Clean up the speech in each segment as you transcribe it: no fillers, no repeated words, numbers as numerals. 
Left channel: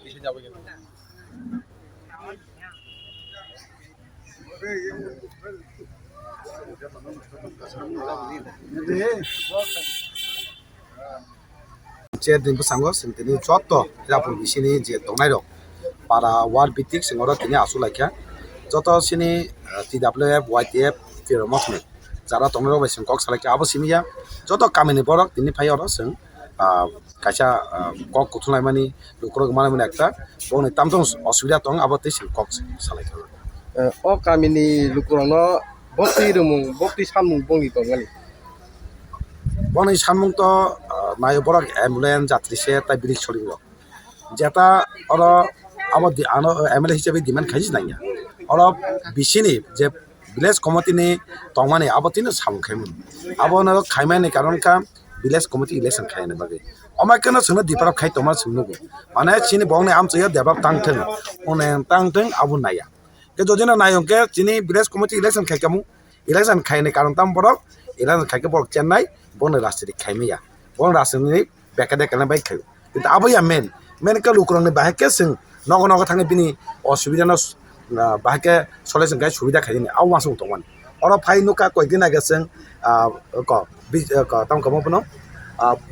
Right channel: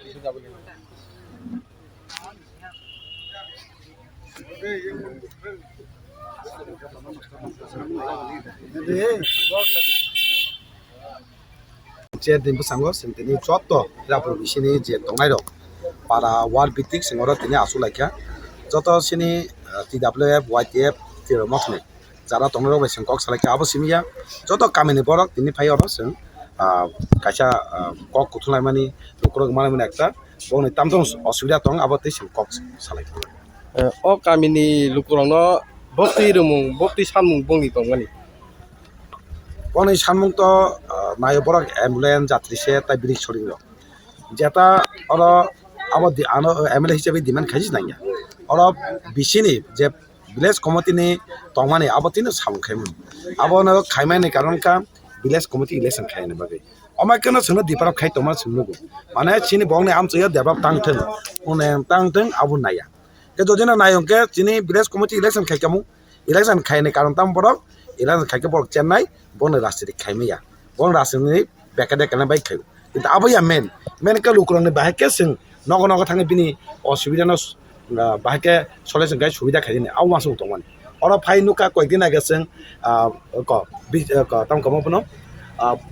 bisa jawab gitu. Din pesango sentini joto Hirapur bisini je tongnai rok para wal bitik singoro tini asu laikha joto sini TWF YTF tiro mokne jara tongnai rok sing kok salaika abo simia joto kamini borok tini phai oro sing kaisa kok kuthulai mani lukrok mani ekta boni tamtong osubida tong abo ti sing kok salaika Oh kami ni lukurongno bokti samung bongni tonggani. boni samung to nayo borok ambulance jatri se ta bilik soring rok jeta oro abo di ano MLA hisabe demand khaisi nanya oro bisini je village committee ni tongmani abo tino samung khaim abo na khaimani karon ka village committee election khaine bagi oma kana sunu diparap khai toma sunu mane chini bongni amchaya develop tangtheng one tangtheng abo naya ke jodina nayong ke chini village committee election khai kamu election khaine karon tam borok election khai ke borok chennai bon rastri khaimia bon rastri bekade kana bai khai কিন্তু abo ya men ka lukurong ni bahake sing nogo nogo thangi bini osubida no bahake solution gai subida khaini aw masung tongman oro phai nuka koikdin age sing ko tam kamo pno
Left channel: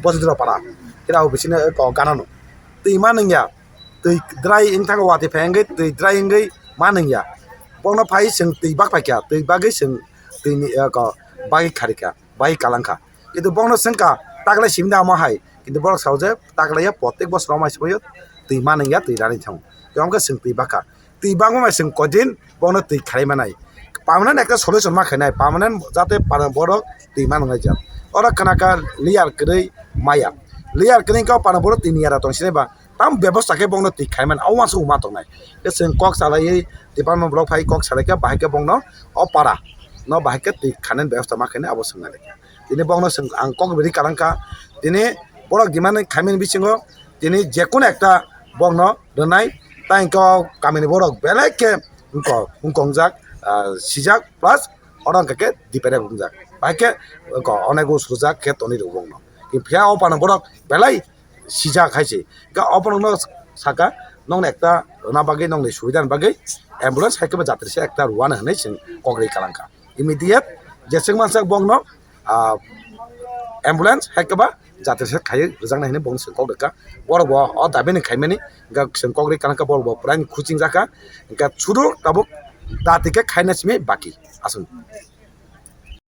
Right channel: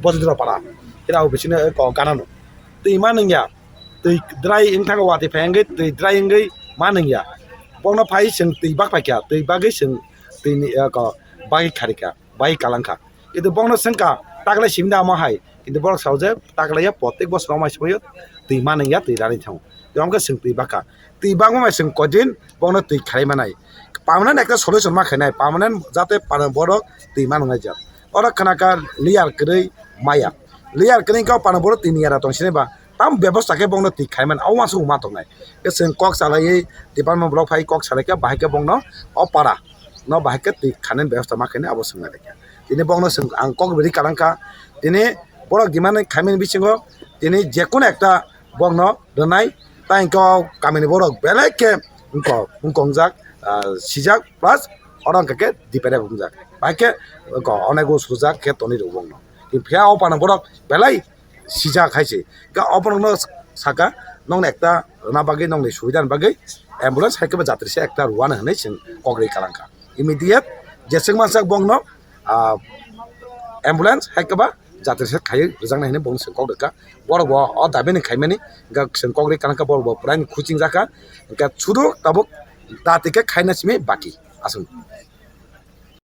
bojidro para kira obisine ko kanano tei maningya tei dry ingthang wati phenge tei dry ingai maningya bongno phai sing tei bak pakya tei bagai sing tei ni ko bagi kharika bagi kalangka itu bongno singka takle simda ma hai কিন্তু বড় সাউজে তাকলাইয়া প্রত্যেক বছর মাস সময় তুই মানিয়া তুই রানি থাও তুই আমাকে সিং তুই বাকা তুই বাঙ্গো মাই সিং কদিন বন তুই খাই মানাই পার্মানেন্ট একটা সলিউশন মা খাইনাই পার্মানেন্ট যাতে বড় তুই মানুষ যা ওরা খানাকা লিয়ার কই মায়া লিয়ার কই কাও পানা বড় তুই নিয়ারা তং সিনেবা তাম ব্যবস্থাকে বংন তুই খাই মান আও মাসু মা তংনাই কে সিং কক সালাই ডিপার্টমেন্ট ব্লক ফাই কক সালাইকা বাহাকে বংন অপারা ন বাহাকে তুই খানেন ব্যবস্থা মা খাইনে অবশ্যই না তিনি বংন সিং আং কক বিদি কালাংকা তিনি borok dimane khamin bisingo tini jekun ekta bogno donai tainko kamini borok beleke unkongjak sijak plus orang keke dipere ungjak baike ko onego sujak ke toni rubongno ki phia opana borok belai sijak khaisi ga opano saka nong ekta na bagi nong ni subidan bagi ambulance haikeba jatri se ekta rwani hanai sing kogri kalangka immediate jeseng masak bogno ambulance haikeba जाते से खाई रजांग नहीं बंग संकौ देखा बड़ बो अ दाबे नहीं खाइमेनी गा संकौ रे कानका बड़ बो प्राइन खुचिंग जाका गा छुरो तब दाते के खाइनस में बाकी आसन